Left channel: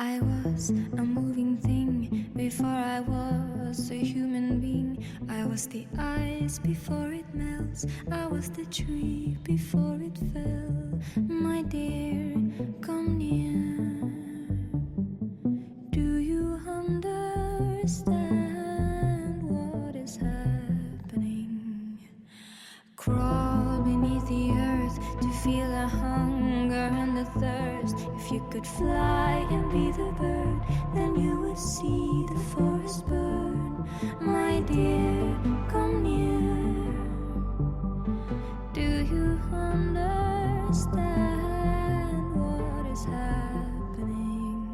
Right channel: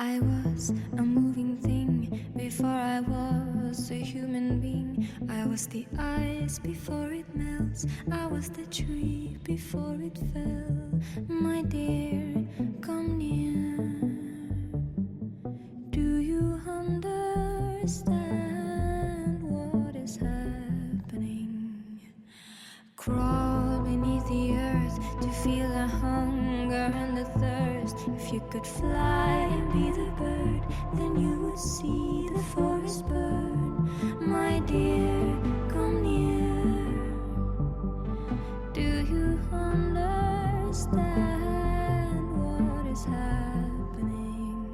I was a moving thing before I was a human being. I was the ice before it melts. I was the tree before it fell. My dear, come near. Do you understand what is happening? Crawl beneath the earth to feel the hunger and the thirst. If you could fly and be the bird, then you would see the forest burn. My dear, come near. Do you understand what is happening?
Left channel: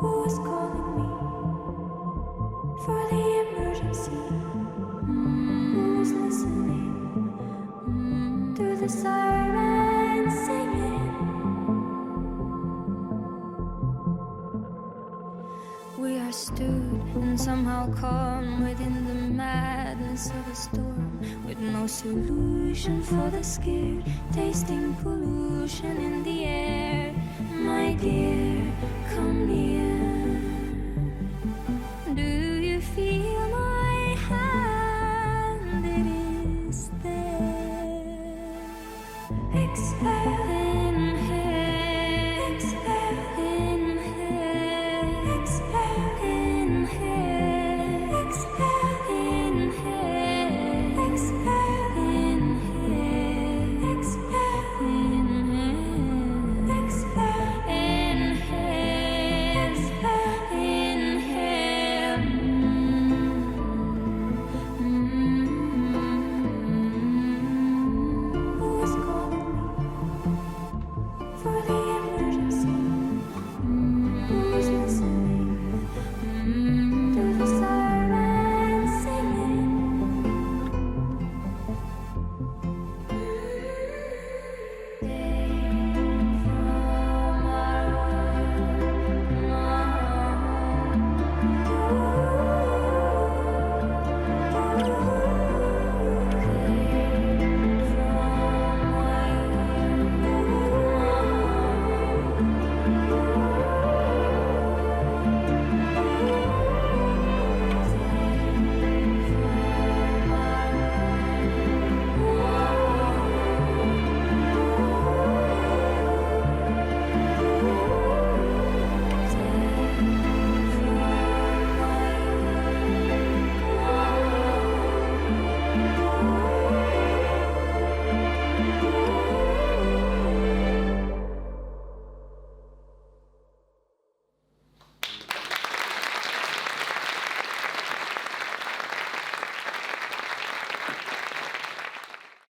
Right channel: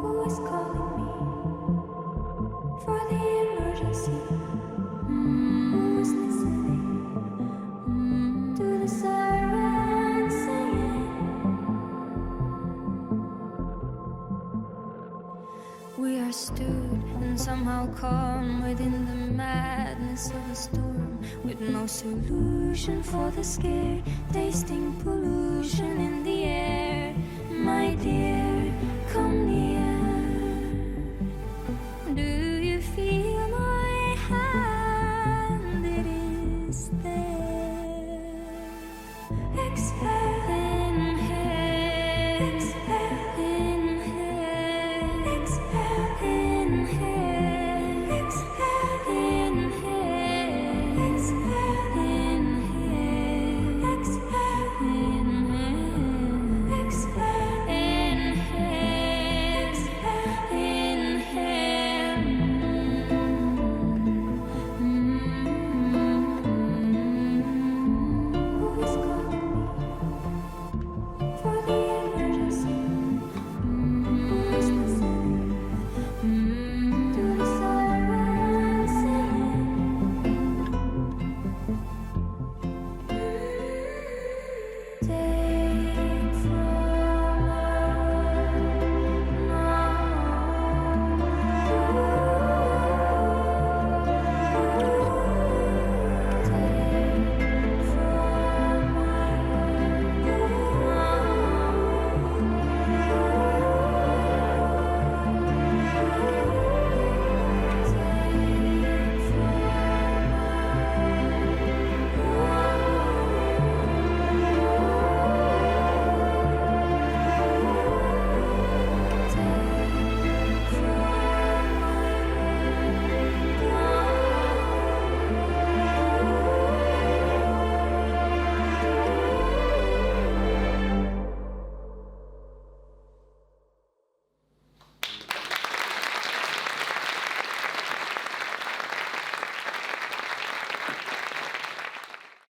Who is calling me for the emergency? Who is listening to the sirens singing? We are stood and somehow calm within the madness of a storm, with no solution for the scare, tasting pollution in the air. My dear, come